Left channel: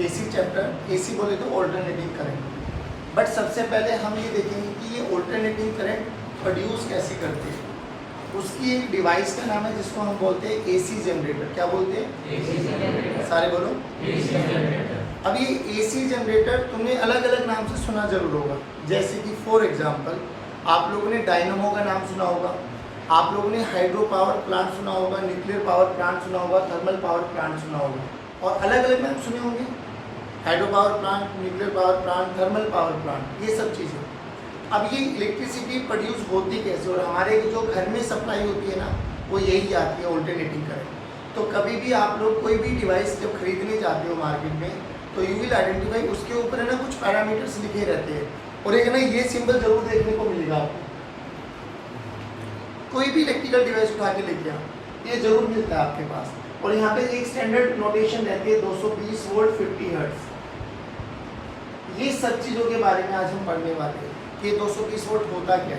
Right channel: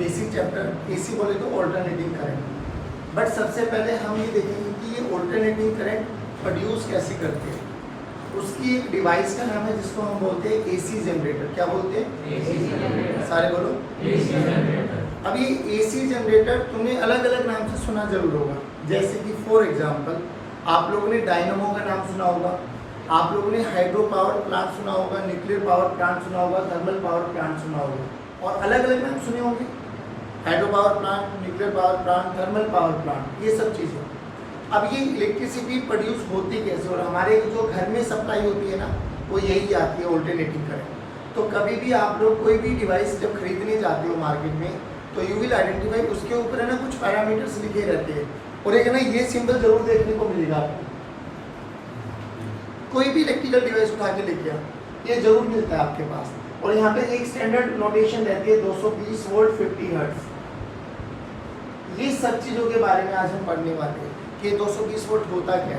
AC chapter, AC बोले तो alternating current. But सबसे पहले हम ये देखेंगे कि ये ऑल्टरनेटिंग करंट प्रोड्यूस कैसे करते हैं। उसकी एक डिवाइस का नाम है जिसको हम बोलते हैं एसी जनरेटर। क्या बोलते हैं? AC generator. सारे बोलो। AC generator. अब ये एसी जनरेटर तुमने अलग अलग नाम से सुना जरूर होगा, जैसे कि फॉर एग्जांपल आप लोगों ने डायनामो का नाम सुना होगा, आप लोगों ने हाइड्रो पावर प्लांट सुना होगा, न्यूक्लियर पावर प्लांट सुना होगा, थर्मल पावर प्लांट सुना होगा, और अलग अलग नाम सुने होंगे, hydro power plant, nuclear power plant, thermal power plant, ये सब चीज़ें। अब ये इलेक्ट्रिसिटी प्रोड्यूस होती कैसे, और हमारे जो घर में सप्लाई होती है ना, वो यही आती है ऑल्टरनेटिंग करंट। तो कभी भी आप लोग कोई भी डिवाइस जब खरीदने जाते हो मार्केट में, तो यू विल आइडेंटिफाई, उसके ऊपर है ना कुछ पैरामीटर्स लिखे रहते हैं, और एक ना ये सिंबल जरूर देखने को मिलेगा आपको। कोई भी इलेक्ट्रिकल डिवाइस उठा के लेके आओ, ये जरूर मिलता है आपके पास, और यहाँ पे एक स्टैंडर्ड नोटेशन रहती है 220 वोल्ट 50 हर्ट्ज। ये सब चीज़ों के बारे में आज हम पढ़ने वाले हैं कि 220 वोल्ट होता क्या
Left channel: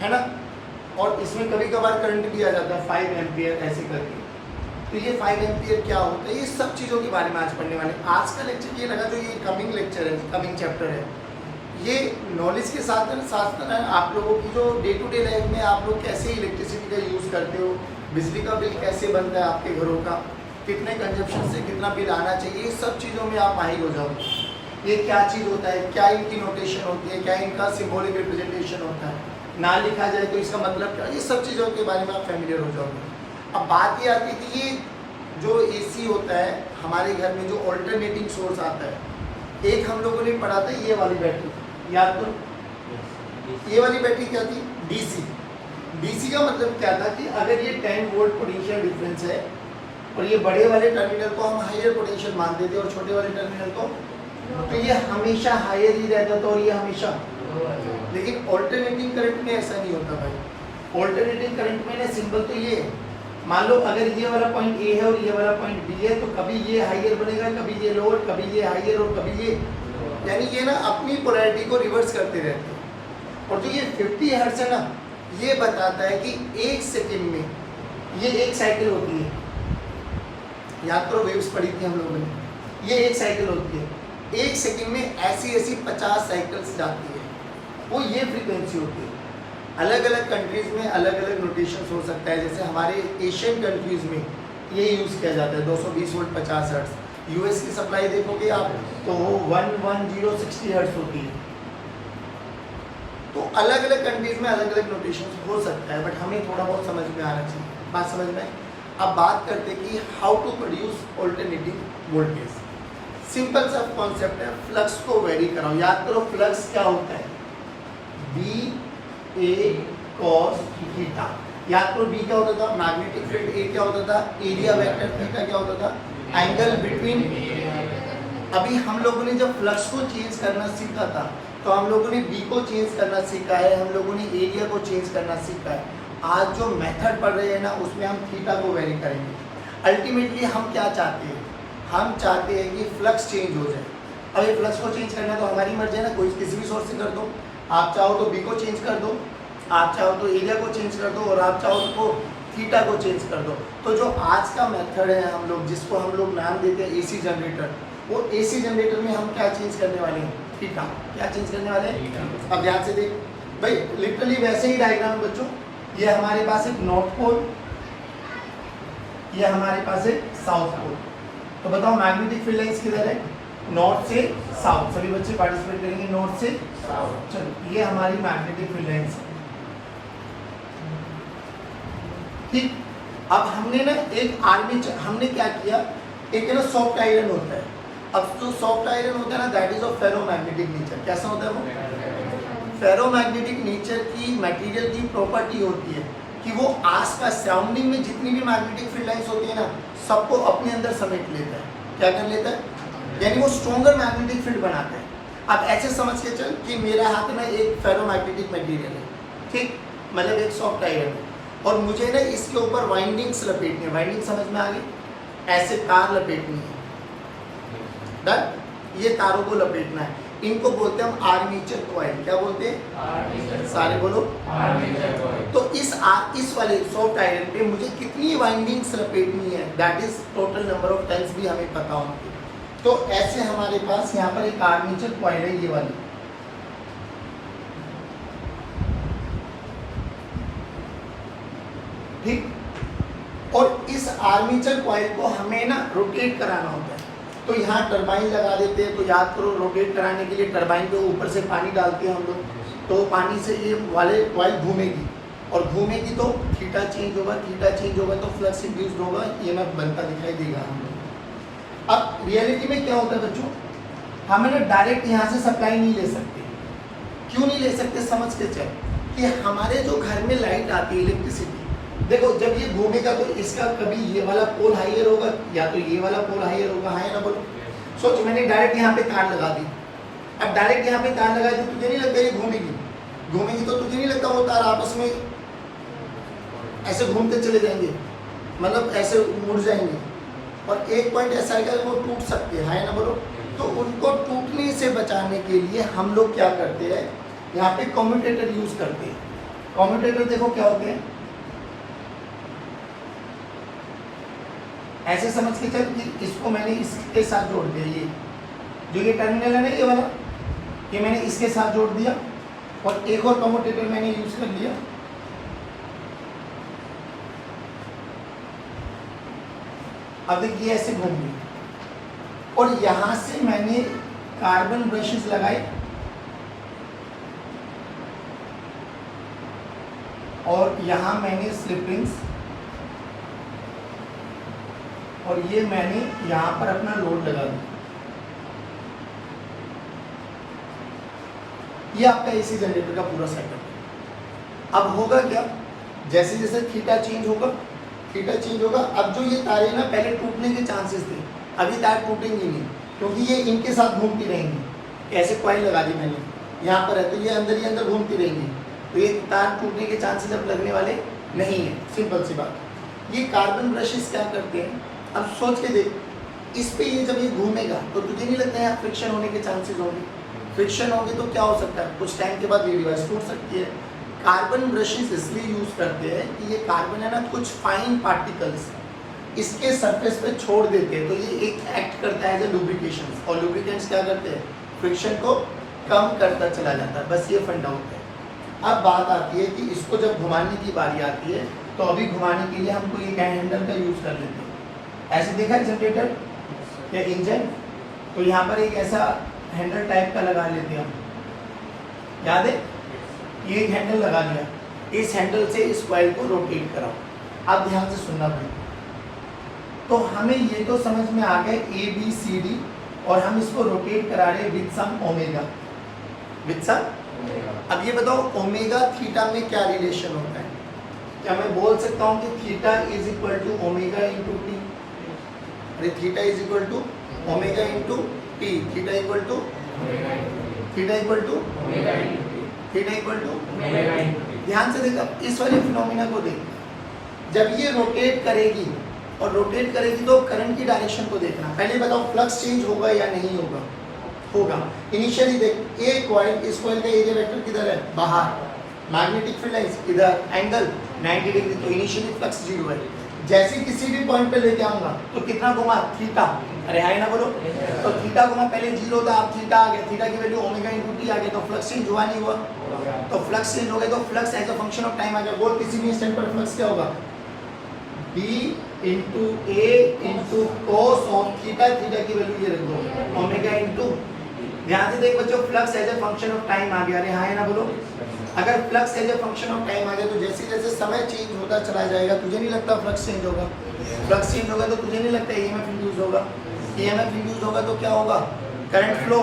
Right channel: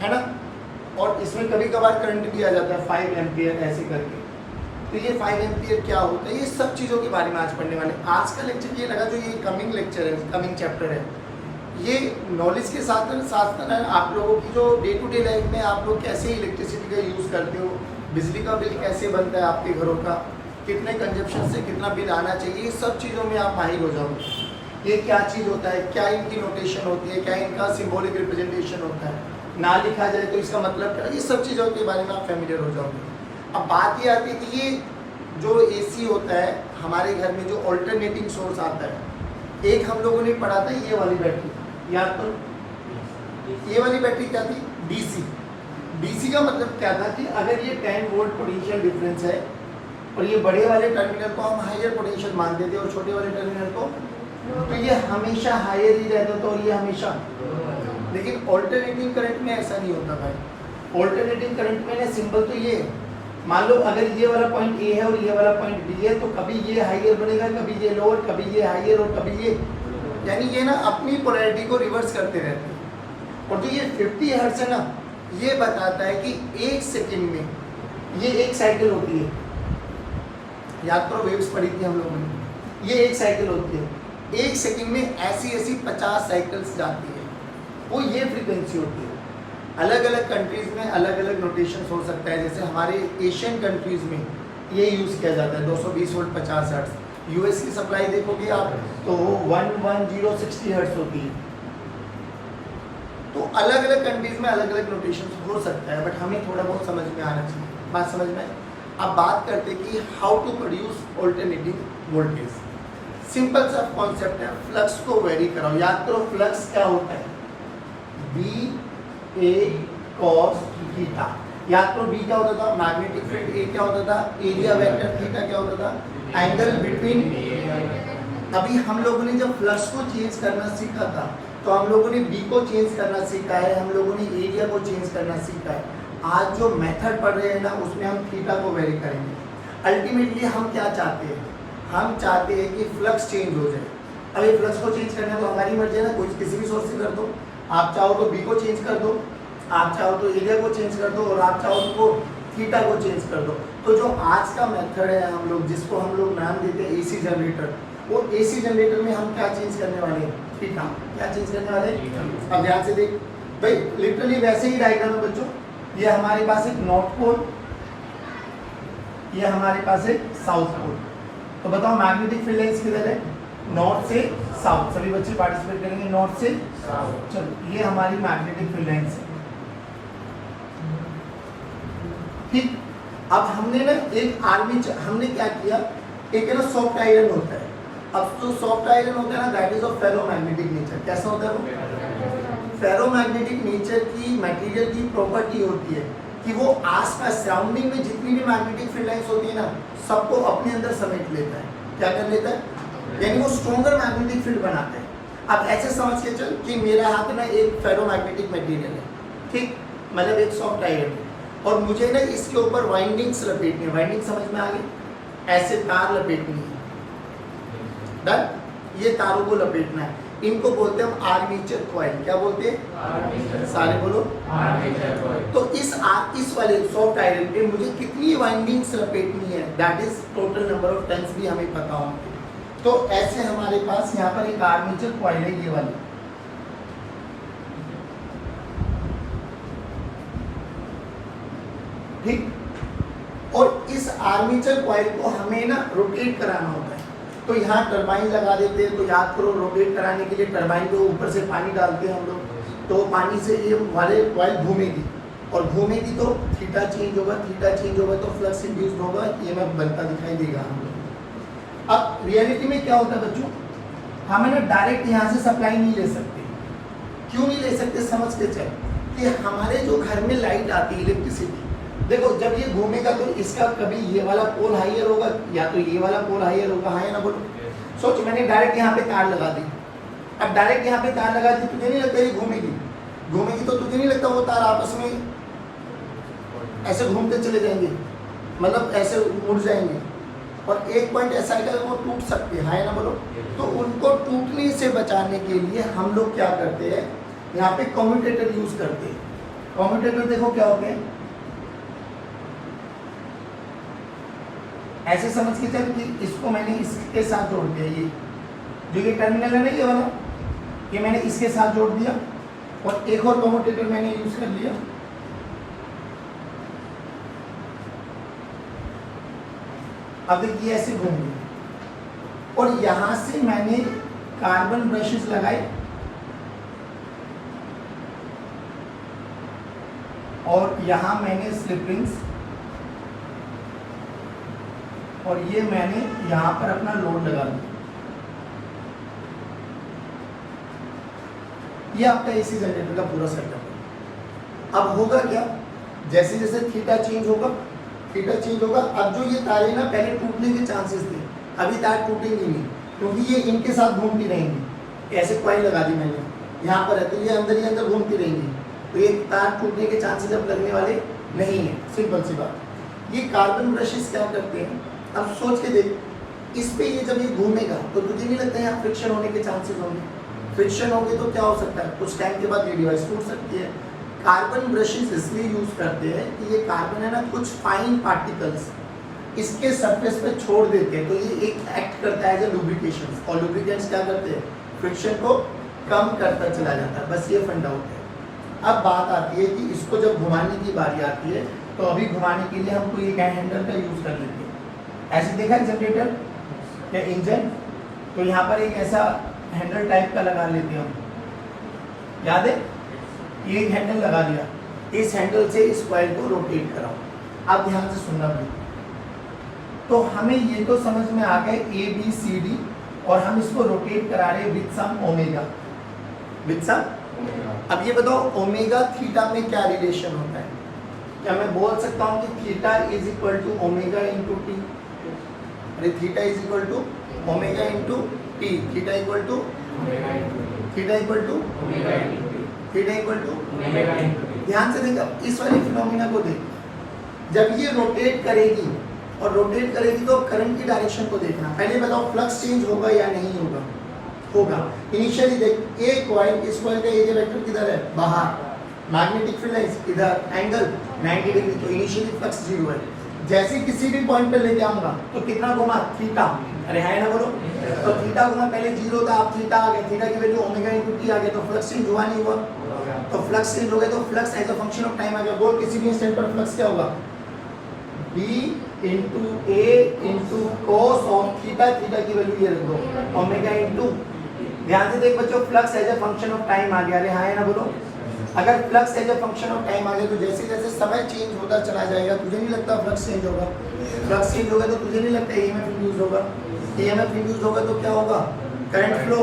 है ना। और इसमें कभी कभार करंट भी आ जाता है 5 एम्पियर ऐसे करके। तो ये 5 एम्पियर क्या होता है, ये सब चीज़ों के बारे में आज पढ़ने वाले हैं। आज का लेक्चर ये लगा जो ये कमिंग लेक्चर है, कमिंग चैप्टर है, ये नॉलेज के साथ साथ आप लोगों की जो डे टू डे लाइफ में आप लोग कैसे इलेक्ट्रिसिटी का यूज़ करते हो, बिजली का बिल कैसे बनता है आपके घरों का, कितने कंजप्शन से कितना बिल आना चाहिए, ये सब चीज़ों में आप माहिर हो जाओगे। ये क्या चीज़ होता है, क्या इनकी नोटेशन होती है, क्या इनका सिंबॉलिक रिप्रेजेंटेशन होता है, ना लिखा जाए तो इसका मतलब क्या, ये सब चीज़ों के बारे में आप फेमिलियर हो जाओगे। अब बात ये आती है कि ये जो एसी होता है हमारे घर में, जो ऑल्टरनेटिंग सोर्स आता है, एक हम लोगों ने पढ़ा था ये वाली बैटरी, याद करो ये वाली बैटरी क्या थी, डीसी। डीसी का मतलब क्या था कि अगर ये 10 वोल्ट पोटेंशियल डिफरेंस है और ये बड़े वाले टर्मिनल को हम हायर पोटेंशियल मानते थे और छोटे वाले टर्मिनल को, तो ये हमेशा हायर ही रहता था और ये हमेशा। लेकिन ऑल्टरनेटिंग करंट में ऐसा नहीं होता भाई। ऑल्टरनेटिंग करंट में ना सिंबल तो ये, मान लो अगर ये वाला पॉइंट ए है और ये वाला पॉइंट बी है, तो कभी ये हाइयर बनेगा, कभी ये लोअर, कभी ये हाइयर और कभी ये, यानी ये ना अपनी पोलैरिटी को रिवर्स करते रहते हैं। और जो ये 50 हर्ट्ज है ना, ये बताता है कि एक सेकंड में ये एक साइकिल होती है। याद करो वेव्स पढ़ी थी हम लोगों ने, ये एक साइकिल होती है, एक सेकंड में ऐसी ऐसी 50 साइकिल्स जाती है, वो ये फ्रीक्वेंसी होती है। अलग अलग कंट्रीज़ में अलग अलग नोटेशन हो सकता है, जैसे हमारे एशियन कंट्रीज़ में ये यूज़ किया जाता है 220 वोल्ट 50 हर्ट्ज। यूएस की सप्लाई देखोगे आप तो वो 11060 हर्ट्ज होती है। तो अलग अलग कंट्रीज़ में अलग अलग नोटेशन हो सकता है, बट हमें थोड़ा बहुत समझ में आना चाहिए। बात समझ में? अब बात करते हैं कि how to produce alternating voltage. Simple सा कॉन्सेप्ट है, फ्लक्स को वेरी कराओ। याद करो फ्लक्स क्या होता है, बी ए कॉस थीटा। याद करो बी क्या होता था, मैग्नेटिक फील्ड, ए क्या होता था, एरिया वेक्टर, थीटा क्या होता था, एंगल बिटवीन। अभी हम लोगों ने जब फ्लक्स को चेंज करना सीखा था, तो हम लोगों ने बी को चेंज करना सीखा है, हम लोगों ने एरिया को चेंज करना सीखा है। आज जो मेथड पढ़ रहे हैं ना, उसमें हम थीटा को वेरी करेंगे। अल्टीमेटली हम क्या चाहते हैं, हम चाहते हैं कि फ्लक्स चेंज हो जाए। अब ये फ्लक्स को चेंज करना तो हमारी मर्जी है ना, कोई किसी भी सोर्स से कर दो। आप चाहो तो बी को चेंज कर दो, आप चाहो तो एरिया को चेंज कर दो, और आप चाहो तो थीटा को चेंज कर दो। तो जो आज का मेथड है हम लोग, जिसको हम लोग नाम देते हैं एसी जनरेटर, वो एसी जनरेटर में हम क्या चेंज करने वाले हैं, थीटा। क्या चेंज करने वाले हैं, अब ध्यान से देख भाई, लिटरली वैसे ही डायग्राम है बच्चों। ये हमारे पास एक नॉर्थ पोल, ये हमारे पास एक साउथ पोल। तो बताओ मैग्नेटिक फील्ड लाइंस किधर है, नॉर्थ से साउथ। सभी बच्चे पार्टिसिपेट करेंगे नॉर्थ से साउथ। चलो ये हमारी मैग्नेटिक फील्ड लाइंस है, ठीक। अब हमने ना एक आर्मेचर, हमने क्या किया, एक है ना सॉफ्ट आयरन होता है। अब जो सॉफ्ट आयरन होता है ना, that is of ferromagnetic nature. कैसा होता है वो, फेरोमैग्नेटिक नेचर की मटेरियल की प्रॉपर्टी होती है कि वो आसपास सराउंडिंग में जितनी भी मैग्नेटिक फील्ड लाइंस होती है ना, सबको अपने अंदर समेट लेता है। क्या कर लेता है, यानी वो स्ट्रॉन्गर मैग्नेटिक फील्ड बनाता है। अब ऐसे समझ के चल कि मेरा हाथ ना एक फेरोमैग्नेटिक मटेरियल है, ठीक, मतलब एक सॉफ्ट आयरन है, और मुझे ना इसके ऊपर वाइंडिंग्स लपेटनी है। वाइंडिंग समझ में आ गई, ऐसे तार लपेटनी है, डन। ये तारों को लपेटना है, इनको बोलते हैं हम आर्मेचर कॉइल। क्या बोलते हैं, सारे बोलो, आर्मेचर कॉइल। तो इस वाले सॉफ्ट आयरन पे मुझे कितनी वाइंडिंग्स लपेटनी है, that is total number of turns भी हमें पता होंगे। तो ऐसे हमारे पास यहाँ पर एक आर्मेचर कॉइल है, ये वाला। ठीक, और इस आर्मेचर कॉइल को हमें ना रोटेट कराना होता है। तो यहाँ टरबाइन लगा देते हैं, तो याद करो रोटेट कराने के लिए टरबाइन के ऊपर से पानी डालते हैं हम लोग, तो पानी से ये वाले कॉइल घूमेगी, और घूमेगी तो थीटा चेंज होगा, थीटा चेंज होगा तो फ्लक्स इंड्यूस्ड होगा, ईएमएफ बनता दिखाई देगा हम लोग। अब रियलिटी में क्या होता है बच्चों, हम ना डायरेक्ट यहाँ से सप्लाई नहीं ले सकते। क्यों नहीं ले सकते, समझ के चल कि हमारे जो घर में लाइट आती है इलेक्ट्रिसिटी, देखो जब ये घूमेगा तो इसका कभी ये वाला पोल हाइयर होगा या तो ये वाला पोल हाइयर होगा, हाँ या ना बोलो। सोच मैंने डायरेक्ट यहाँ पे तार लगा दी, अब डायरेक्ट यहाँ पे तार लगा दी, तुझे नहीं लगता ये घूमेगी, घूमेगी तो तुझे नहीं लगता वो तार आपस में ऐसे घूमते चले जाएंगे, मतलब ऐसे मुड़ जाएंगे, और एक पॉइंट ऐसा है कि वो टूट सकते हैं, हाँ या ना बोलो। तो उनको टूटने से बचाने के लिए हम लोग क्या करते हैं, यहाँ पे कम्यूटेटर यूज करते हैं। कम्यूटेटर देखो क्या होते हैं, ऐसे समझ के चल कि इसको मैंने इसके साथ जोड़ दिया, ये जो ये टर्मिनल है ना ये वाला, ये मैंने इसके साथ जोड़ दिया, और एक और कम्यूटेटर मैंने यूज कर लिया। अब देखिए ऐसे घूम गई, और यहां से मैंने कार्बन ब्रशेस लगाए, और यहां मैंने स्लिप रिंग्स, और ये मैंने यहां पर अपना लोड लगा दिया। ये आपका एसी जनरेटर का पूरा सेटअप है। अब होगा क्या, जैसे जैसे थीटा चेंज होगा, थीटा चेंज होगा, अब जो ये तारे ना पहले टूटने के चांसेस थे, अभी तार टूटेंगे नहीं, क्योंकि ये इनके साथ घूमती रहेंगी। ऐसे कॉइल लगा दी मैंने यहाँ पर है, तो ये अंदर ही अंदर घूमती रहेंगी, तो ये तार टूटने के चांसेस अब लगने वाले नहीं है, सिंपल सी बात। ये कार्बन ब्रशेस क्या करते हैं, अब सोच के देख, इस पे ये जब ये घूमेगा तो तुझे नहीं लगता है यहाँ फ्रिक्शन होने के चांसेस होंगे, फ्रिक्शन होंगे तो क्या हो सकता है, कुछ टाइम के बाद ये डिवाइस टूट सकती है। कार्बन ब्रशेस इसलिए यूज करते हैं कि ये कार्बन है ना, कुछ फाइन पार्टिकल्स इसके सरफेस पे छोड़ देते हैं, तो ये एक एक्ट करता है एज ए लुब्रिकेशन, और लुब्रिकेंट्स क्या करते हैं, फ्रिक्शन को कम करता चला जाता है, बस ये फंडा होता है। अब बात आती है कि इसको जब घुमाने की बारी आती है, तो अभी घुमाने के लिए हमको ये हैंडल का यूज कर लेते हैं। ऐसे देखा है जनरेटर या इंजन, तो यहाँ पर एक ऐसा हैंडल टाइप का लगा लेते हैं हम, याद है, ये एक हैंडल लगा दिया, इस हैंडल से इस कॉइल को रोटेट कराओ। अब ध्यान से सुनना भाई, तो हमें ये तो समझ में आ गए ए बी सी डी, और हम इसको रोटेट करा रहे हैं with some omega, with some. अब ये बताओ ओमेगा थीटा में क्या रिलेशन होता है, क्या मैं बोल सकता हूँ कि theta is equal to omega into t, अरे theta is equal to omega into t, theta equal to theta equal to theta equal to, ध्यान से देखो इस वाले फिनोमिना को देख, जब ये रोटेट करेगी, और रोटेट करेगी तो करंट की डायरेक्शन को देखना। पहले बताओ फ्लक्स चेंज होगा या नहीं होगा, होगा। इनिशियली देख, ए कॉइल, इस कॉइल का एरिया वेक्टर किधर है, बाहर, मैग्नेटिक फील्ड है इधर, एंगल 90 डिग्री, तो इनिशियली फ्लक्स 0 है। जैसे किसी भी पॉइंट पे लेके आऊंगा तो कितना घुमा, थीटा, अरे हाय ना बोलो, तो थीटा घुमा, पहले 0 था, अब थीटा आ गया, थीटा की वैल्यू ओमेगा इंटू टी आ गया, तो फ्लक्स चेंज हुआ नहीं हुआ, तो फ्लक्स चेंज हो गया, तो flux as a function of time आ गया। बोल किसी भी इंस्टेंट पर फ्लक्स क्या होगा, b into a into cos of theta, theta की वैल्यू ये रख दो ओमेगा इंटू, ध्यान से देख बच्चों, flux as a function of time आ गया, अरे हाँ ना बोलो। अगर flux as a function of time आ गया तो जैसे जैसे समय चेंज होता चला जाएगा, तुझे नहीं लगता फ्लक्स चेंज होगा, फ्लक्स चेंज होगा तो तुझे नहीं लगता ईएमएफ इंड्यूस होगा, ईएमएफ इंड्यूस होगा तो क्या होगा, करंट फ्लो।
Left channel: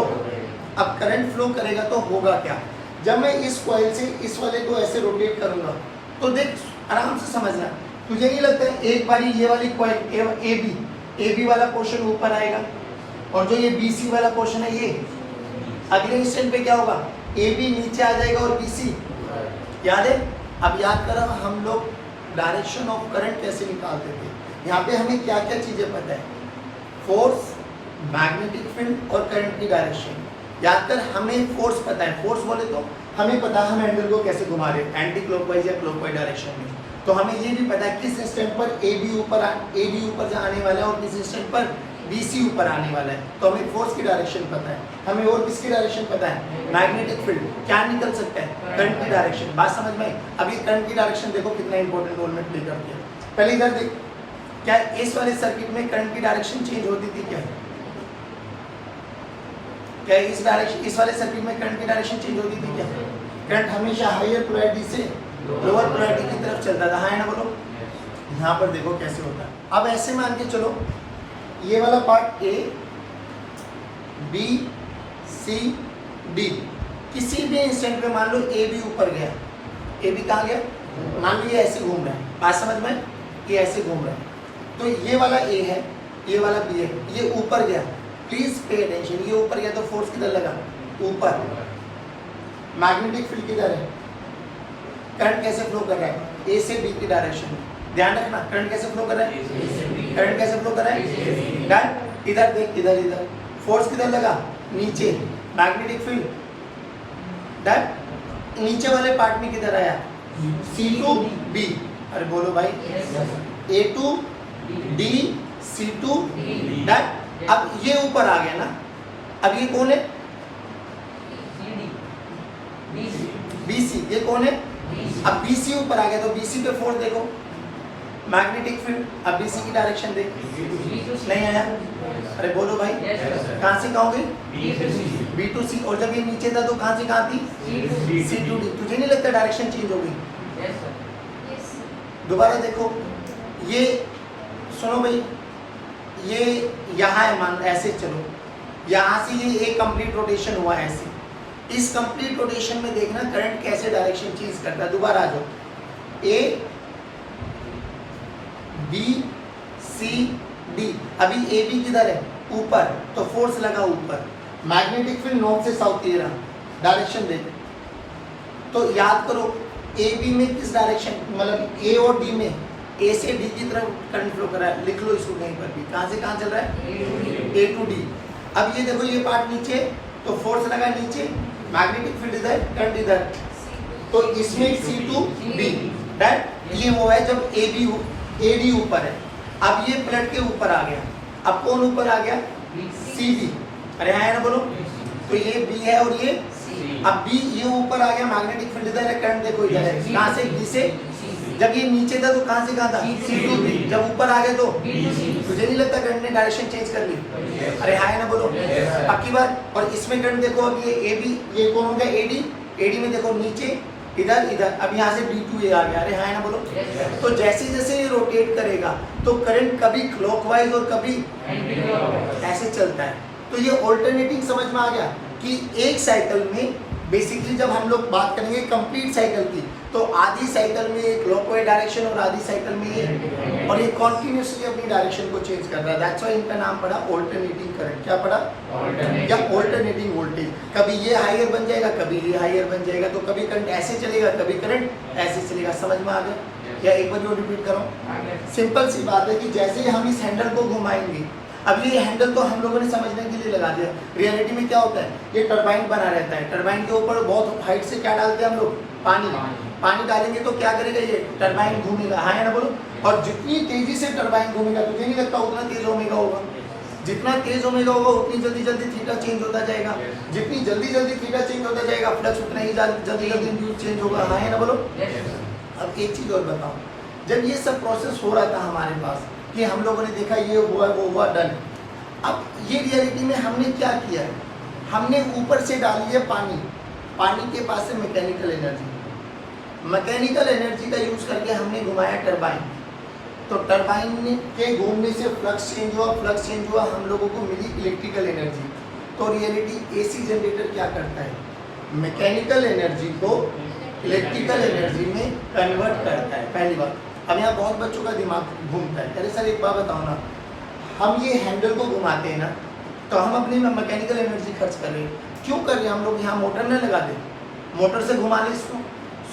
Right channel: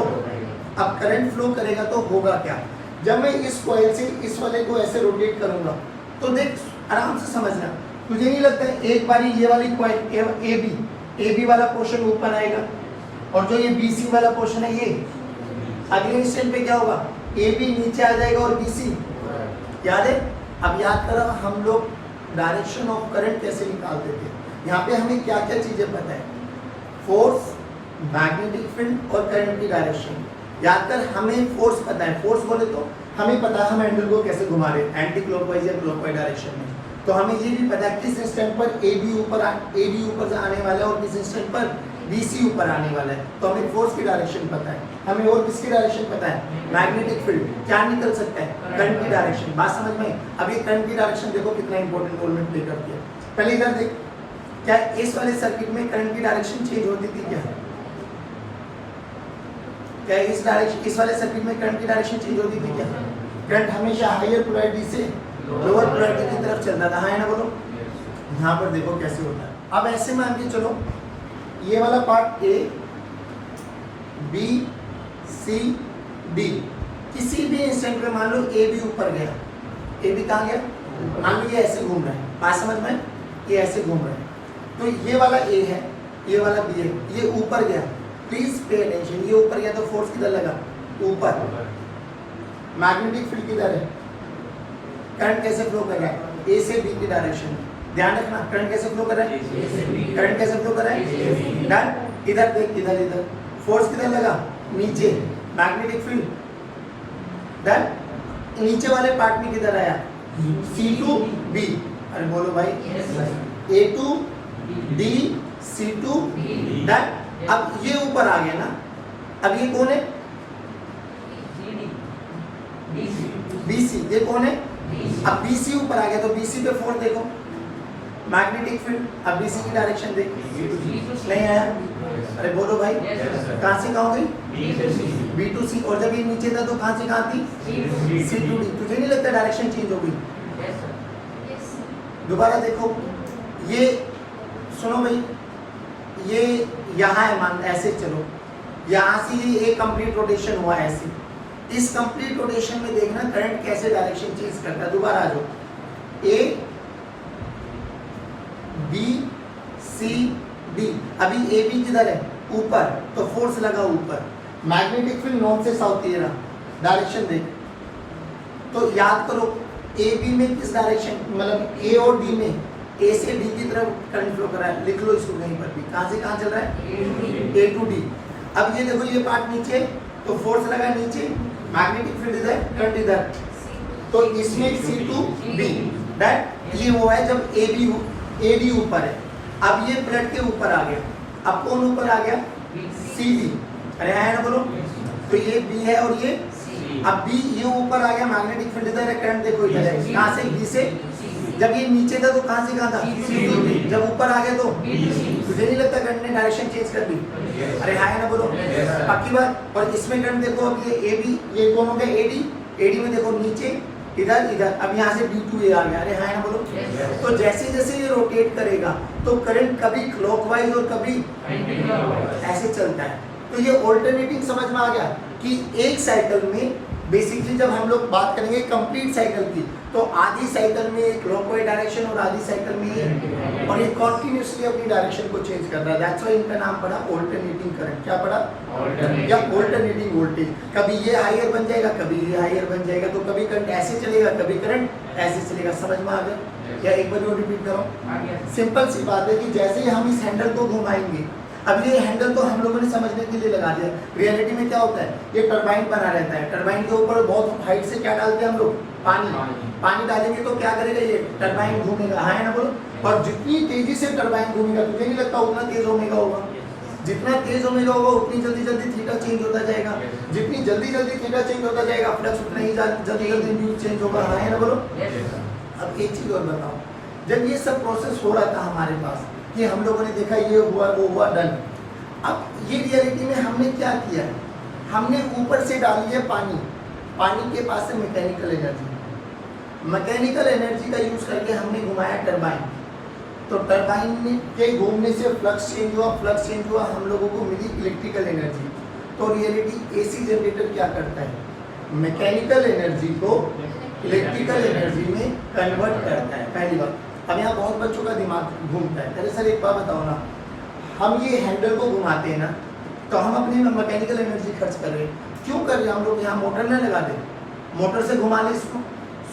अब करंट फ्लो करेगा तो होगा क्या, जब मैं इस कॉइल से इस वाले को ऐसे रोटेट करूंगा, तो देख आराम से समझना, तुझे नहीं लगता है एक बारी ये वाली कॉइल ए बी वाला पोर्शन ऊपर आएगा, और जो ये बी सी वाला पोर्शन है ये अगले इंस्टेंट पे क्या होगा, ए बी नीचे आ जाएगा और बी सी, याद है। अब याद करो हम लोग डायरेक्शन ऑफ करंट कैसे निकालते थे, यहाँ पे हमें क्या क्या चीजें पता है, फोर्स, मैग्नेटिक फील्ड और करंट की डायरेक्शन। याद कर, हमें फोर्स पता है, फोर्स बोले तो हमें पता है हम हैंडल को कैसे घुमा रहे हैं, एंटी क्लॉकवाइज या क्लॉकवाइज डायरेक्शन में। तो हमें ये भी पता है किस इंस्टेंट पर ए बी ऊपर से आने वाला है और किस इंस्टेंट पर BC ऊपर आने वाला है, तो हमें फोर्स की डायरेक्शन पता है, हमें और किसकी डायरेक्शन पता है, मैग्नेटिक फील्ड क्या निकल सकता है, करंट की डायरेक्शन। बात समझ में आई? अब ये करंट की डायरेक्शन देखो कितना इंपॉर्टेंट रोल में प्ले करती है। पहले इधर देख, क्या इस वाले सर्किट में करंट की डायरेक्शन चेंज होती थी क्या? क्या इस वाले सर्किट में करंट की डायरेक्शन चेंज होती थी क्या? करंट हमेशा हायर पोलैरिटी से लोअर पोलैरिटी की तरफ चलता था, हाँ है ना बोलो? यहाँ पर देखो कैसे होता है। अब ऐसे मान के चलो, ये वाला part A B C D, किसी भी इंस्टेंट पे मान लो A B ऊपर गया, A B कहाँ गया? मान लो ये ऐसे घूम रहा है, बात समझ में? ये ऐसे घूम रहा है, तो ये वाला A है, ये वाला B है, ये ऊपर गया, प्लीज पे अटेंशन, ये ऊपर गया तो फोर्स किधर लगा? ऊपर। मैग्नेटिक फील्ड किधर है? करंट कैसे फ्लो कर रहा है? A से B की डायरेक्शन में, ध्यान रखना, करंट कैसे फ्लो कर रहा है? करंट कैसे फ्लो कर रहा है? डन। इधर देख, इधर इधर फोर्स किधर लगा? नीचे, मैग्नेटिक फील्ड डन। नीचे वाले पार्ट में किधर आया? C to B, अरे बोलो भाई, A to D C to done. अब ये ऊपर आ गया ना, अब ये कौन है? BC, ये कौन है? अब BC ऊपर आ गया तो BC पे फोर्स देखो, मैग्नेटिक फील्ड। अब BC की डायरेक्शन देख, नहीं आया? अरे बोलो भाई, कहाँ से कहाँ हो गई? B to C, और जब ये नीचे था तो कहाँ से कहाँ थी? C to D। तुझे नहीं लगता डायरेक्शन चेंज हो गई? दोबारा देखो, ये सुनो भाई, ये यहाँ है, मान ऐसे चलो, यहाँ से ये एक कंप्लीट रोटेशन हुआ ऐसे, इस कंप्लीट रोटेशन में देखना करंट कैसे डायरेक्शन चेंज करता है। दोबारा आ जाओ, A B C D, अभी A B किधर है? ऊपर, तो फोर्स लगा ऊपर, मैग्नेटिक फील्ड नॉर्थ से साउथ की तरफ, डायरेक्शन देख। तो याद करो A B में किस डायरेक्शन, मतलब A और D में, A से D की तरफ करंट फ्लो कर रहा है, लिख लो इसको कहीं पर भी, कहाँ से कहाँ चल रहा है? A to D। अब ये देखो, ये पार्ट नीचे, तो फोर्स लगा नीचे, मैग्नेटिक फील्ड इधर, करंट इधर, तो इसमें C to B दैट ये वो है जब AD ऊपर है। अब ये पलट के ऊपर आ गया, अब कौन ऊपर आ गया? CD, अरे आया ना बोलो? तो ये B है और ये अब B, ये ऊपर आ गया, मैग्नेटिक फील्ड इधर है, करंट देखो इधर है, कहाँ से? B से। जब ये नीचे था तो कहाँ से कहाँ था? C to B। जब ऊपर आ गया तो तुझे नहीं लगता करंट ने डायरेक्शन चेंज कर ली? अरे हाय ना बोलो, पक्की बात। और इसमें करंट देखो, अब ये AB, ये कौन हो गया? AD में देखो नीचे, इधर इधर, अब यहाँ से B to A आ गया, अरे हाय ना बोलो। तो जैसे जैसे ये रोटेट करेगा तो करंट कभी क्लॉकवाइज और कभी ऐसे चलता है। तो ये ऑल्टरनेटिंग समझ में आ गया कि एक साइकिल में बेसिकली जब हम लोग बात करेंगे कंप्लीट साइकिल की, तो आधी साइकिल में एक क्लॉकवाइज डायरेक्शन और आधी साइकिल में ये, और ये कॉन्टिन्यूसली अपनी डायरेक्शन को चेंज कर रहा है। दैट्स व्हाई इनका नाम पड़ा ऑल्टरनेटिंग करंट। क्या पड़ा? या ऑल्टरनेटिंग वोल्टेज। कभी ये हायर बन जाएगा, कभी ये हायर बन जाएगा, तो कभी करंट ऐसे चलेगा, कभी करंट ऐसे चलेगा। समझ में आ गया? या एक बार और रिपीट करो। सिंपल सी बात है कि जैसे ही हम इस हैंडल को घुमाएंगे, अब ये हैंडल तो हम लोगों ने समझने के लिए लगा दिया, रियलिटी में क्या होता है, ये टरबाइन बना रहता है, टरबाइन के ऊपर बहुत हाइट से क्या डालते हैं हम लोग? पानी डालेंगे तो क्या करेगा, ये टरबाइन घूमेगा, हाँ है ना बोलो। और जितनी तेजी से टरबाइन घूमेगा, तुझे नहीं लगता उतना तेज ओमेगा होगा? जितना तेज ओमेगा होगा उतनी जल्दी जल्दी थीटा चेंज होता जाएगा, जितनी जल्दी जल्दी थीटा चेंज होता जाएगा फ्लक्स उतना ही जल्दी जल्दी इंड्यूस चेंज होगा, हाँ है ना बोलो। अब एक चीज और बताओ, जब ये सब प्रोसेस हो रहा था हमारे पास कि हम लोगों ने देखा ये हुआ वो हुआ डन, अब ये रियलिटी में हमने क्या किया है, हमने ऊपर से डाली है पानी, पानी के पास से मैकेनिकल एनर्जी, मैकेनिकल एनर्जी का यूज करके हमने घुमाया टरबाइन, तो टरबाइन के घूमने से फ्लक्स चेंज हुआ, फ्लक्स चेंज हुआ, हम लोगों को मिली इलेक्ट्रिकल एनर्जी। तो रियलिटी एसी जनरेटर क्या करता है, मैकेनिकल एनर्जी को इलेक्ट्रिकल एनर्जी में कन्वर्ट करता है, पहली बात। अब यहाँ बहुत बच्चों का दिमाग घूमता है, अरे सर एक बात बताओ ना, हम ये हैंडल को घुमाते हैं ना, तो हम अपनी मैकेनिकल एनर्जी खर्च कर रहे हैं, क्यों कर रहे हैं हम लोग? यहाँ मोटर न लगा दे, मोटर से घुमा ले इसको,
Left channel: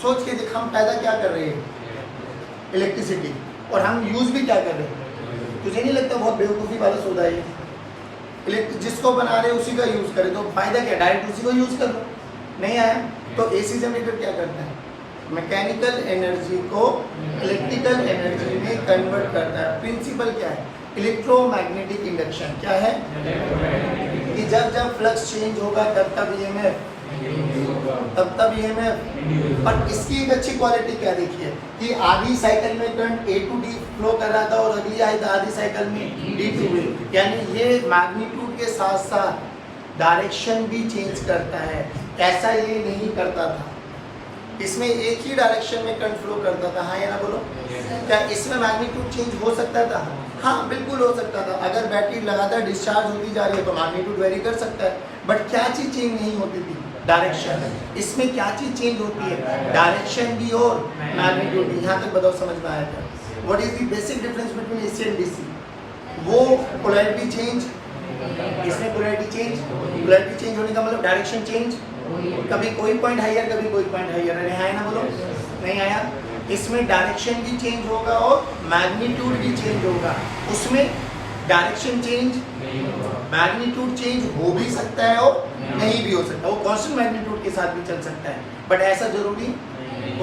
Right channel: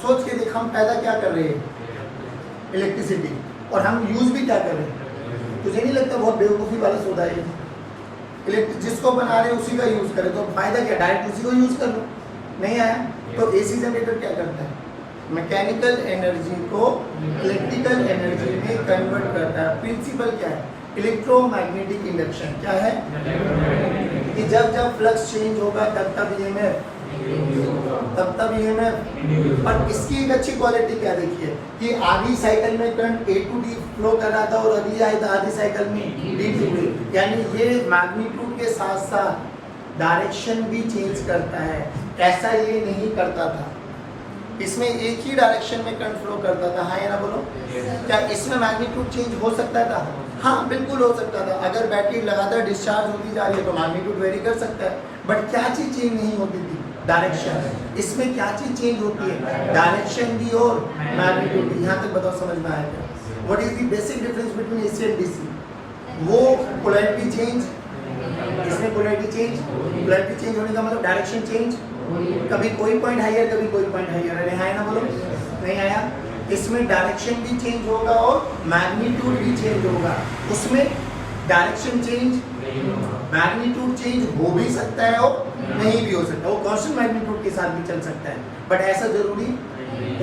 सोच के देख हम पैदा क्या कर रहे हैं, इलेक्ट्रिसिटी, और हम यूज भी क्या कर रहे हैं? तुझे नहीं लगता बहुत बेवकूफ़ी वाला सौदा है ये? जिसको बना रहे उसी का यूज करें, तो फायदा क्या, डायरेक्ट उसी को यूज कर लो। नहीं आया? तो एसी जनरेटर क्या करता है, मैकेनिकल एनर्जी को इलेक्ट्रिकल एनर्जी में कन्वर्ट करता है। प्रिंसिपल क्या है, इलेक्ट्रोमैग्नेटिक इंडक्शन क्या है कि जब फ्लक्स चेंज होगा तब ईएमएफ तब ईएमएफ। और इसकी एक अच्छी क्वालिटी क्या देखिए कि आधी साइकिल में current A to D flow कर रहा था और अगली आधी साइकिल में डी टू डी, यानी ये मैग्नीट्यूड के साथ साथ डायरेक्शन भी चेंज करता है। ऐसा ये नहीं करता था, इसमें एक ही डायरेक्शन में करंट फ्लो करता था। हाँ या ना बोलो, क्या इसमें मैग्नीट्यूड चेंज हो सकता था? हाँ बिल्कुल हो सकता था। अगर बैटरी लगातार डिस्चार्ज होती जा रही है तो मैग्नीट्यूड वेरी कर सकता है, बट क्या चीज चेंज नहीं होती थी? डायरेक्शन। इसमें क्या चीज चेंज होती है? डायरेक्शन भी और मैग्नीट्यूड भी। यहाँ तक बताओ समझ में आया क्या? What is the basic difference between AC and DC? वो पोलैरिटी चेंज, इसमें पोलैरिटी चेंज होने का मतलब डायरेक्शन चेंज, कभी कोई पॉइंट हायर कभी कोई पॉइंट हायर। अरे है ना बोलो, नहीं आया? इसमें डायरेक्शन भी चेंज होगा और मैग्नीट्यूड भी चेंज होगा। उसमें डायरेक्शन चेंज, मैग्नीट्यूड चेंज हो भी सकता है और नहीं भी हो सकता, वो कांस्टेंट मैग्नीट्यूड के साथ भी चल सकता है, बट ऐसा जरूरी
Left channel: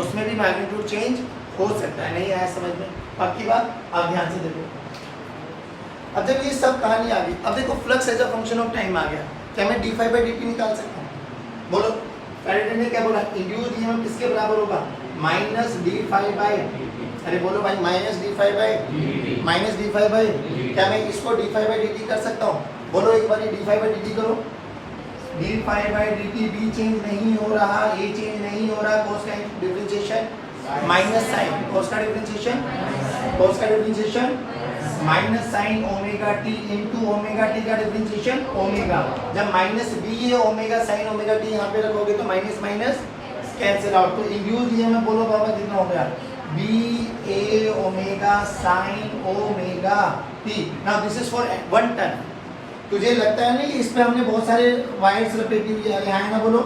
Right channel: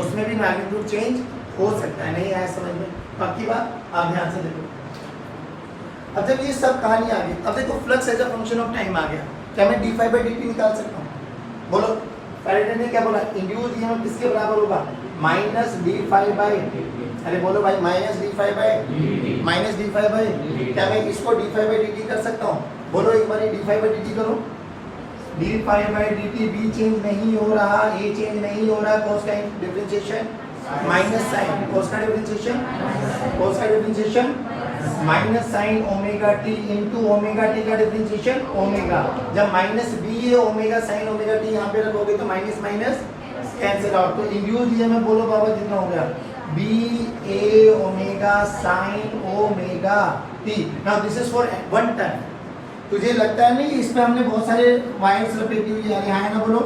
उसमें भी मैग्नीट्यूड चेंज हो सकता है। नहीं आया समझ में? पक्की बात? अब ध्यान से देखो, अब जब ये सब कहानी आ गई, अब देखो flux as a function of time आ गया। क्या मैं d5/dt निकाल सकता हूँ? बोलो, फैराडे ने क्या बोला? इंड्यूस्ड ईएमएफ किसके बराबर होगा? माइनस d5/, अरे बोलो भाई, माइनस d5/, क्या मैं इसको d5/dt कर सकता हूँ? बोलो एक बार d5/dt करो। d5/dt भी चेंज नहीं हो रहा, ए चेंज नहीं हो रहा, कॉस का डिफरेंशिएशन माइनस साइन, कॉस का differentiation minus sine omega t into omega t का डिफरेंशिएशन ओमेगा। जब माइनस बी है ओमेगा साइन ओमेगा टी यहाँ पे रखोगे तो माइनस माइनस कैंसिल आउट। तो इंड्यूस्ड ईएमएफ बोलो बाबा कितना हो गया? B A omega sine omega t. Now this is for 1 turn. तुझे लगता है नहीं इसमें हमने बहुत सारे वायर्स लपेटी हुई है ना बोलो,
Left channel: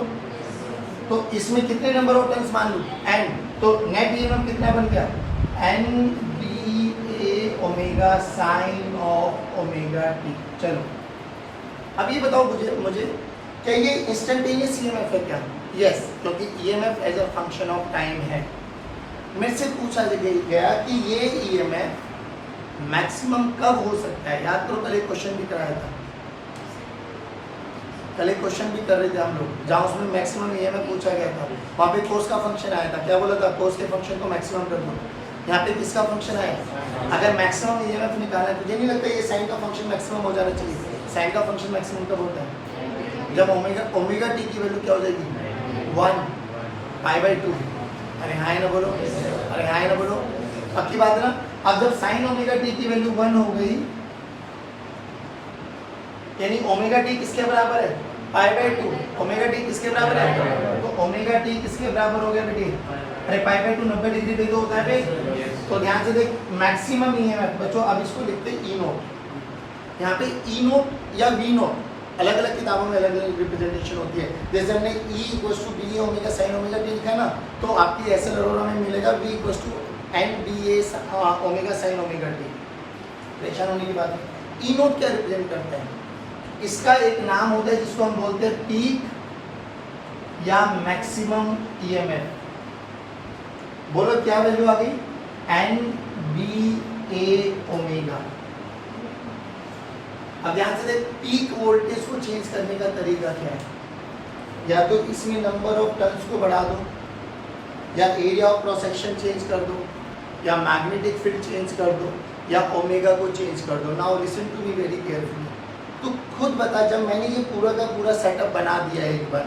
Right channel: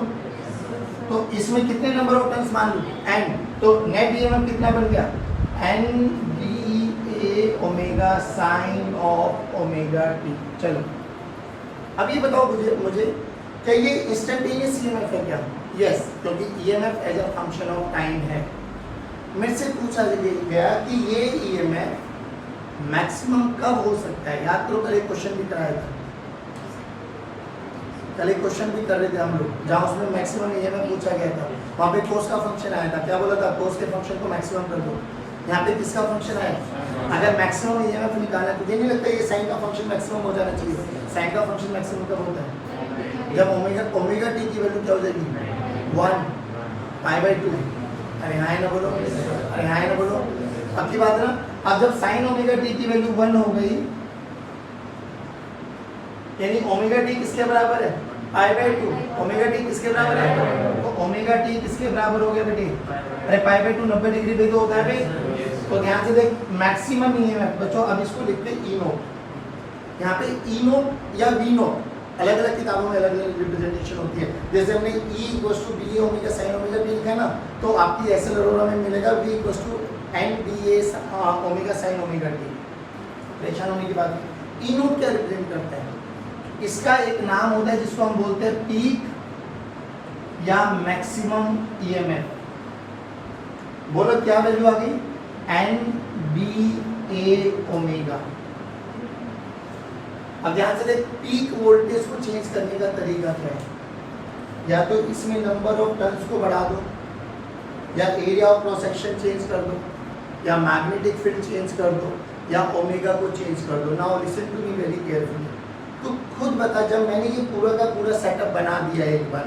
तो इसमें कितने नंबर ऑफ टर्न्स मान लो? n। तो नेट ईएमएफ कितना बन गया? n B A omega sine of omega t. चलो अब ये बताओ मुझे क्या ये इंस्टेंटेनियस ईएमएफ है क्या? यस, क्योंकि EMF as a function of time है। मेरे से पूछा गया कि ये ईएमएफ मैक्सिमम कब हो सकता है? याद करो, कल एक क्वेश्चन भी कराया था, कल एक क्वेश्चन भी कर रहे थे हम लोग, जहाँ उसमें मैक्सिमम ईएमएफ पूछा गया था। वहाँ पे कोस का फंक्शन आया था, क्या बोला था? कोस के फंक्शन को मैक्सिमम कर दो। यहाँ पे किसका फंक्शन आया? अगर मैक्सिमम ईएमएफ निकालना है, तुझे नहीं लगता ये साइन का फंक्शन मैक्सिमम हो जाना चाहिए? साइन का फंक्शन मैक्सिमम कब होता है? जब ओमेगा टी की वैल्यू क्या हो जाएगी? 1 π/2। अरे हाँ ना बोलो, अरे हाँ ना बोलो, पक्की बात है ना? अब जब साइन ओमेगा टी की वैल्यू 1 हो गई, यानी ओमेगा टी किसके बराबर है? π/2। ओमेगा टी किसके बराबर है? तो ओमेगा टी किसके बराबर हो गया बेटे? अरे π/2 90 डिग्री पे तो होता है भाई। तो ध्यान से देख, मैक्सिमम ईएमएफ बच्चों, अब इसको लिखते हैं ई नोट। यहाँ पे ई नोट या वी नोट, अलग अलग किताबों में अलग अलग रिप्रेजेंटेशन होती है। जैसे हमने E = B omega sine omega t लिखा है ना, तो आपकी एसएल अरोरा में मिलेगा V = NBA omega sine omega T. परेशान होने की बात है। ई नोट क्या रिप्रेजेंट करता है? इसका एक नाम होता है जिसको हम बोलते हैं पीक या मैक्सिमम ईएमएफ। बोलो क्या वैल्यू आ गई? NBA omega. अब ध्यान से देख, पीक वोल्टेज को चेंज करने का तरीका क्या है? या तो इसमें नंबर ऑफ टर्न्स को बढ़ा दो, या area of cross section change कर दो, या मैग्नेटिक फील्ड चेंज कर दो, या ओमेगा को चेंज कर दो। Now listen to me very carefully. तो खुद बता, जब मैंने ये पूरा का पूरा सेटअप बना दिया एक बार,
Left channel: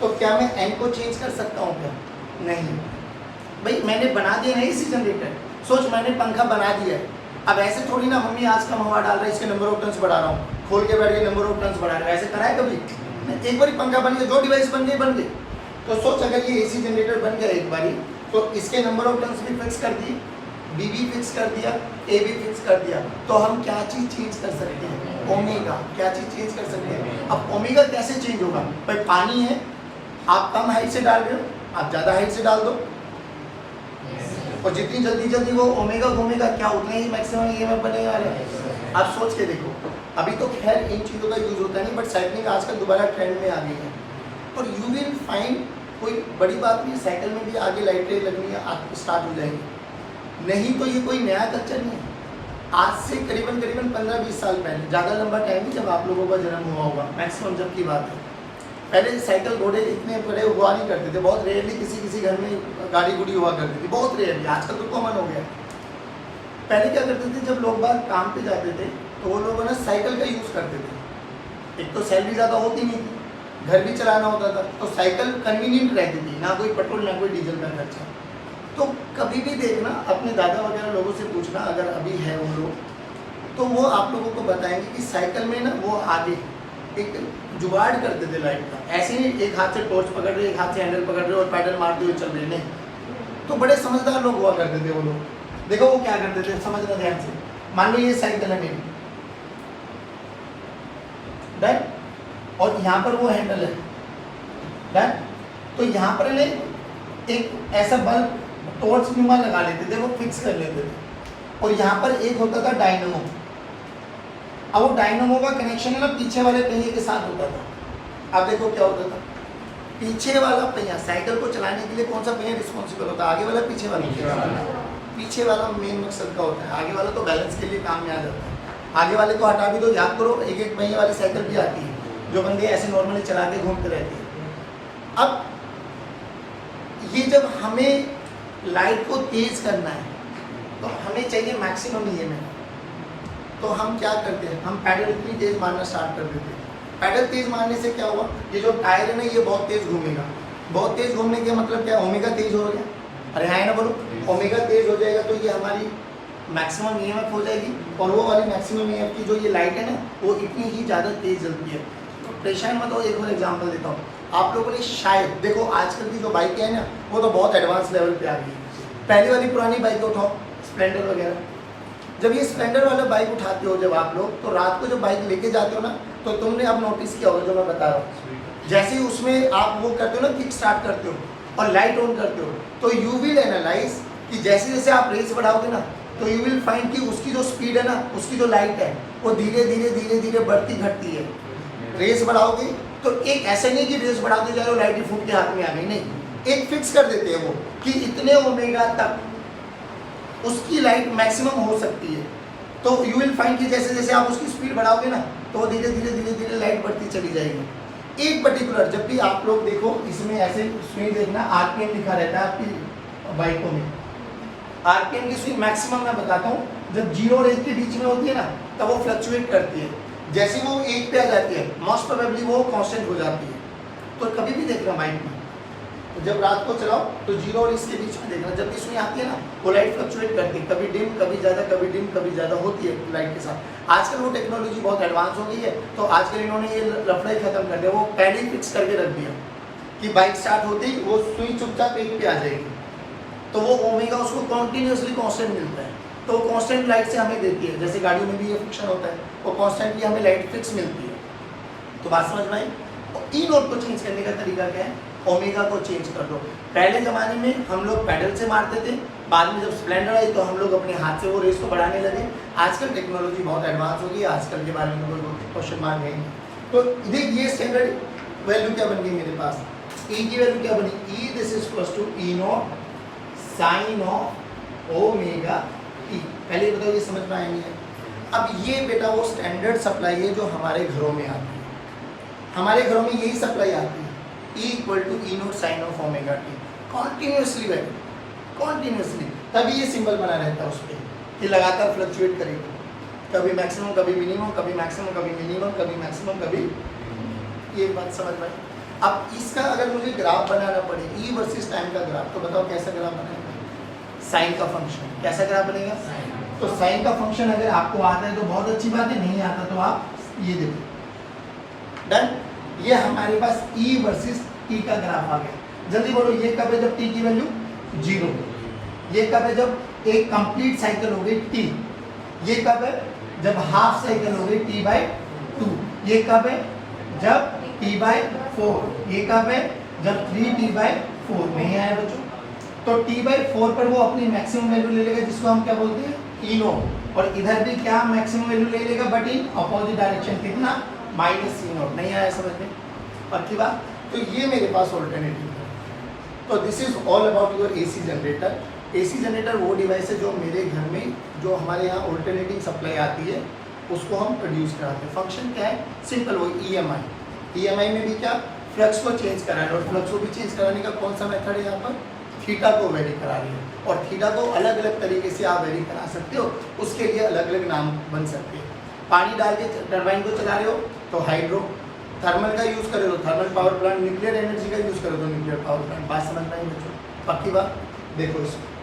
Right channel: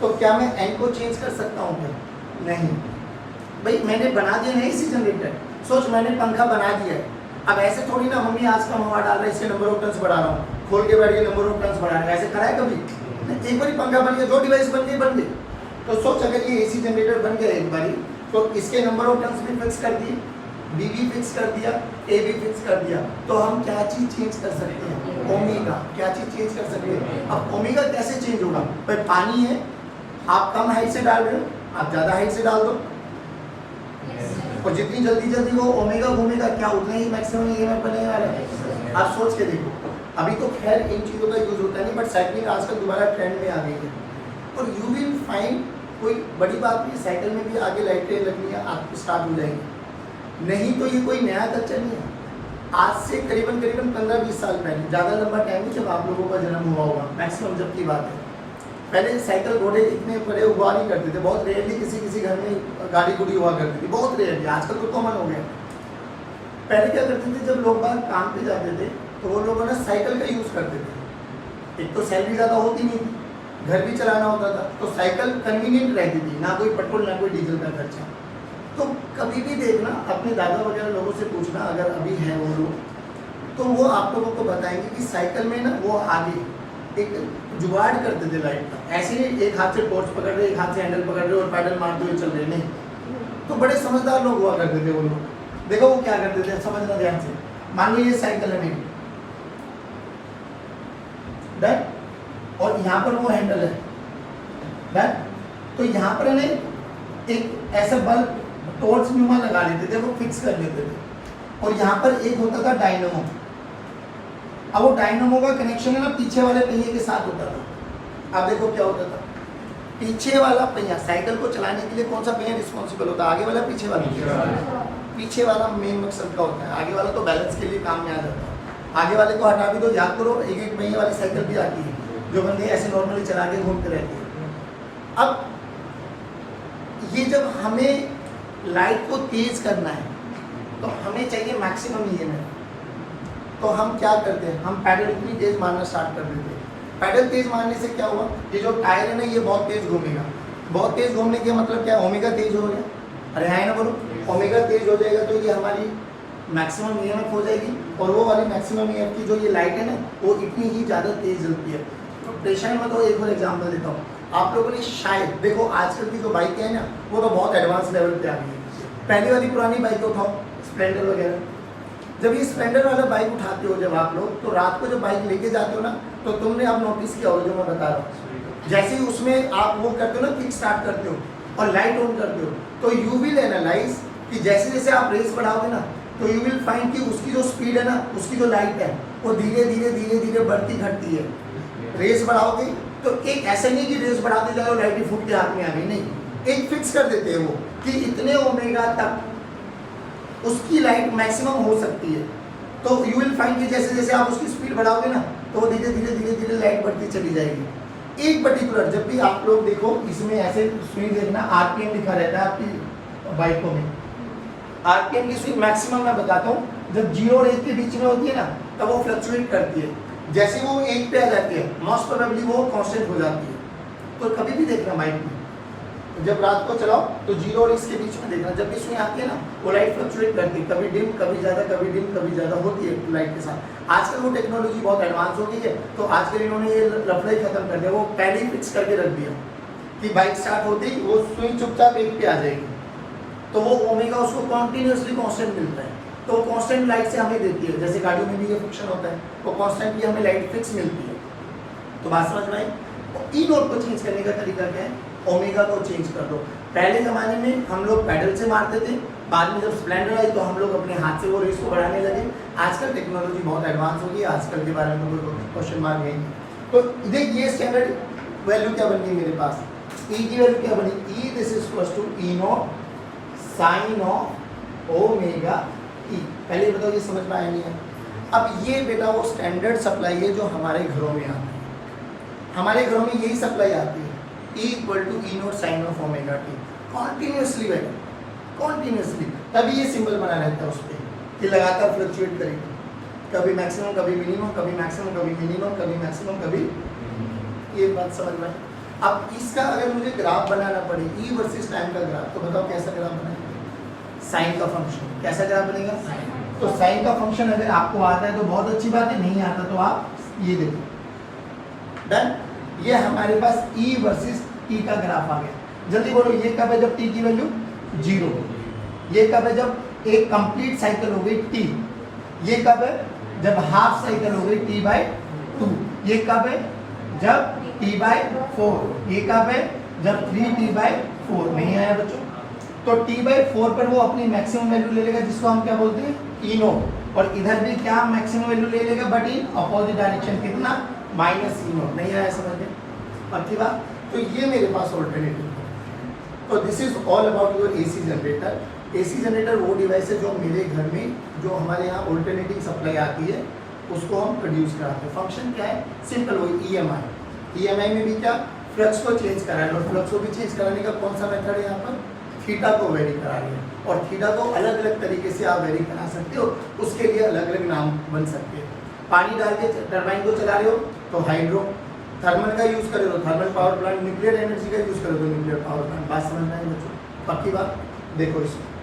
तो क्या मैं n को चेंज कर सकता हूँ क्या? नहीं भाई, मैंने बना दिया है इसी जनरेटर। सोच, मैंने पंखा बना दिया है, अब ऐसे थोड़ी ना मम्मी आज कम हवा डाल रहा है, इसके नंबर ऑफ टर्न्स बढ़ा रहा हूँ, खोल के बैठ गए नंबर ऑफ टर्न्स बढ़ा रहा है, ऐसे करा है कभी? एक बार पंखा बन गया, जो डिवाइस बन गए। तो सोच, अगर ये एसी जनरेटर बन गया एक बारी, तो इसके नंबर ऑफ टर्न्स भी फिक्स कर दिए, बी भी फिक्स कर दिया, ए भी फिक्स कर दिया, तो हम क्या चीज चेंज कर सकते हैं? ओमेगा। क्या चीज चेंज कर सकते हैं? अब ओमेगा कैसे चेंज होगा? भाई पानी है, आप कम हाइट से डाल रहे हो, आप ज्यादा हाइट से डाल दो, और जितनी जल्दी वो ओमेगा घूमेगा, क्या उतना ही मैक्सिमम ईएमएफ बनेगा। आप सोच के देखो, अभी तो खैर इन चीज़ों का यूज होता नहीं, बट साइकिलिंग आजकल दोबारा ट्रेंड में आ गई है, और यू विल फाइंड कोई बड़ी बात नहीं, साइकिल में भी आगे लाइटें लगनी स्टार्ट हो जाएंगी। नहीं तो ये कोई नया कल्चर नहीं है, आज से करीबन 15-20 साल पहले, ज़्यादा लंबा टाइम नहीं जब आप लोगों का जन्म हुआ होगा, मैक्सिमम जब की बात है, पहले साइकिल घोड़े इतने बड़े हुआ नहीं करते थे, बहुत रेयरली किसी घर में गाड़ी गुड़ी हुआ करती थी, बहुत रेयरली, आजकल तो कॉमन हो गया। पहले क्या करते थे, जब लोग बाहर काम पे जाते थे तो वो लोग ना साइकिल का यूज़ करते थे। एक तो सैलरी ज़्यादा होती नहीं थी, घर भी चलाना होता था, तो साइकिल कन्वीनियंट रहती थी, ना कोई पेट्रोल ना कोई डीजल का खर्चा। तो कभी भी देखना, अपने दादा वगैरह लोगों से पूछना, अगर अभी है वो लोग, तो वो आप लोगों को बताएंगे कि साइकिल में ना वो आगे एक जुगाड़ करते थे लाइट का, ऐसे ही एक हाथ से टॉर्च पकड़ रहे, एक हाथ से हैंडल पकड़ रहे और पैडल मारते हुए चल रहे, नहीं। तो बड़े समझदार लोग हुआ करते थे वो लोग। देखो वो क्या करते थे, समझना ध्यान से। मान लो ये साइकिल है मेरी, डन, और यहाँ पर वो हैंडल है, डन। तो यहाँ पर इन्हें एक ऐसा बल्ब टॉर्च नुमा लगा लेते थे, वो फिक्स कर लेते थे, और यहाँ पर एक होता था डायनमो। अब वो डायनमो का कनेक्शन है ना पीछे वाले पहिए के साथ होता था। अब देखो क्या होता था, पीछे वाला पहिया, साइकिल को चलाने के लिए कौन सा पहिया रिस्पॉन्सिबल होता है, आगे वाला पीछे वाला? पीछे वाला मेन मकसद का होता है, आगे वाला तो बैलेंस के लिए काम में आ जाता है। आगे वाले को हटा भी तो याद करो, एक पहिए वाली साइकिल भी आती है जो बंदे ऐसे नॉर्मली चला के घूमते रहते हैं। अब ये जब हमें लाइट को तेज करना है तो हमें चाहिए मैक्सिमम ईएमएफ, तो हम क्या करते हैं, हम पैडल इतनी तेज मारना स्टार्ट कर देते हैं। पैडल तेज मारने से क्या हुआ, ये जो टायर है ना ये बहुत तेज घूमेगा। बहुत तेज घूमने का मतलब क्या, ओमेगा तेज हो गया, अरे है ना बोलो, ओमेगा तेज हो जाएगा तो ये हमारी मैक्सिमम ईएमएफ हो जाएगी, और वो वाली मैक्सिमम ईएमएफ की जो ये लाइट है ना वो इतनी ही ज़्यादा तेज जलती है। तो परेशान मत हो, एक और एग्जाम्पल देता हूँ आप लोगों ने। शायद देखो आजकल की जो बाइकें हैं ना वो तो बहुत एडवांस लेवल पे आ गई है। पहली वाली पुरानी बाइक उठाओ, स्प्लेंडर वगैरह, जब ये स्प्लेंडर वाला बाइक उठाते हो जब आप लोग, तो रात को जब बाइक लेके जाते हो ना, तो तुमने अब नोटिस किया हो जो मैं बता रहा हूँ, जैसे ही उसमें आप वो करते हो ना, किक स्टार्ट करते हो और लाइट ऑन करते हो, तो यू विल एनालाइज कि जैसे जैसे आप रेस बढ़ाओगे ना, तो यू विल फाइंड कि उसकी जो स्पीड है ना, उसकी जो लाइट है वो धीरे धीरे धीरे धीरे बढ़ती घटती है। रेस बढ़ाओगे तो एक ऐसे नहीं कि रेस बढ़ाते जाओ लाइट ही फूट के हाथ में आ गई, नहीं, एक फिक्स कर देते हैं वो कि इतने ओमेगा तक उसकी लाइट मैक्सिमम हो सकती है। तो यू विल फाइंड कि जैसे जैसे आप उसकी स्पीड बढ़ाओगे ना, तो धीरे धीरे धीरे धीरे लाइट बढ़ती चली जाएगी। एक पर्टिकुलर, जब भी आप लोग देखो इसमें ऐसे स्विंग देखना, आरपीएम लिखा रहता है आपकी बाइकों में। आरपीएम की स्विंग मैक्सिमम मैं बताता हूँ, जब 0 और 1 के बीच में होती है ना, तब वो फ्लक्चुएट करती है। जैसे वो 1 पे आ जाती है, मोस्ट प्रोबेबली वो कांस्टेंट हो जाती है। तो कभी भी देखना बाइक में, जब रात को चलाओ तो 0 और 1 के बीच में देखना, जब भी स्विंग आती है ना वो लाइट फ्लक्चुएट करती है, कभी डिम कभी ज़्यादा, कभी डिम कभी ज़्यादा होती है लाइट के साथ। आजकल वो टेक्नोलॉजी बहुत एडवांस हो गई है, तो आजकल इन्होंने ये लफड़ा ही खत्म कर दिया, वो पहले ही फिक्स करके रख दिया कि बाइक स्टार्ट होती ही वो स्विंग चुपचाप 1 पे आ जाएगी, तो वो ओमेगा उसको कॉन्टीन्यूसली कांस्टेंट मिलता है। तो कांस्टेंट लाइट से हमें देती है, जैसे गाड़ियों में भी ये फिक्शन होता है, वो कांस्टेंट की हमें लाइट फिक्स मिलती है। तो बात समझ में आई। ई नोट को चेंज करने का तरीका क्या है, ओमेगा को चेंज कर दो। पहले ज़माने में हम लोग पैडल से मारते थे, बाद में जब स्प्लेंडर आई तो हम लोग अपने हाथ से वो रेस को बढ़ाने लगे। आजकल टेक्नोलॉजी बहुत एडवांस हो गई है, आजकल के बारे में कोई क्वेश्चन मार्क नहीं। तो देख ये स्टैंडर्ड वैल्यू क्या बन गई मेरे पास, ई की वैल्यू क्या बनी, e this is equal to e naught sine of omega e. पहले बताओ ये समझ में आया नहीं है। अब ये बेटा वो स्टैंडर्ड सप्लाई है जो हमारे घरों में आती है, हमारे घरों में यही सप्लाई आती है, E equal to E naught sine of omega t, continuously value, continuously. तभी ये सिंबल बना रहता है उस पर कि लगातार फ्लक्चुएट करेगी, कभी मैक्सिमम कभी मिनिमम, कभी मैक्सिमम कभी मिनिमम, कभी मैक्सिमम कभी, ये बात समझ में। अब इसका अगर मुझे ग्राफ बनाना पड़े, ई वर्सेस टाइम का ग्राफ, तो बताओ कैसा ग्राफ बनेगा, साइन का फंक्शन, कैसा ग्राफ बनेगा। तो साइन का फंक्शन अगर आपको आता है तो बहुत अच्छी बात है, नहीं आता तो आप ये देखो, डन। ये हमारे पास ई वर्सेस टी का ग्राफ आ गया। जल्दी बोलो, ये कब है जब टी की वैल्यू 0 हो, ये कब है जब एक कंप्लीट साइकिल हो गई टी, ये कब है जब हाफ साइकिल हो गई t/2, ये कब है जब t/4, ये कब है जब 3t/4। नहीं आया बच्चों, तो t/4 पर वो अपनी मैक्सिमम वैल्यू ले लेगा, जिसको हम क्या बोलते हैं, ई नोट, और इधर भी क्या मैक्सिमम वैल्यू ले लेगा, बट इन अपोजिट डायरेक्शन, कितना, माइनस ई नोट। नहीं आया समझ में, पक्की बात। तो ये मेरे पास ऑल्टरनेटिव है, तो this is all about your AC generator. AC generator वो डिवाइस है जो मेरे घर में, जो हमारे यहाँ ऑल्टरनेटिंग सप्लाई आती है, उसको हम प्रोड्यूस कराते हैं। फंक्शन क्या है? सिंपल, वही ईएमआई में भी क्या, फ्लक्स को चेंज करा है, और फ्लक्स को भी चेंज कराने का कौन सा मेथड है यहाँ पर? थीटा को वेरी करा रही है, और थीटा को अलग अलग तरीके से आप वेरी करा सकते हो, उसके लिए अलग अलग नाम बन सकते हैं। पानी डाल के टरबाइन को चला रहे हो तो हाइड्रो, थर्मल का यूज़ करो तो thermal power plant, nuclear energy का यूज़ करो तो न्यूक्लियर पावर प्लांट। बात समझ में आई बच्चों? पक्की बात? देखो इसको,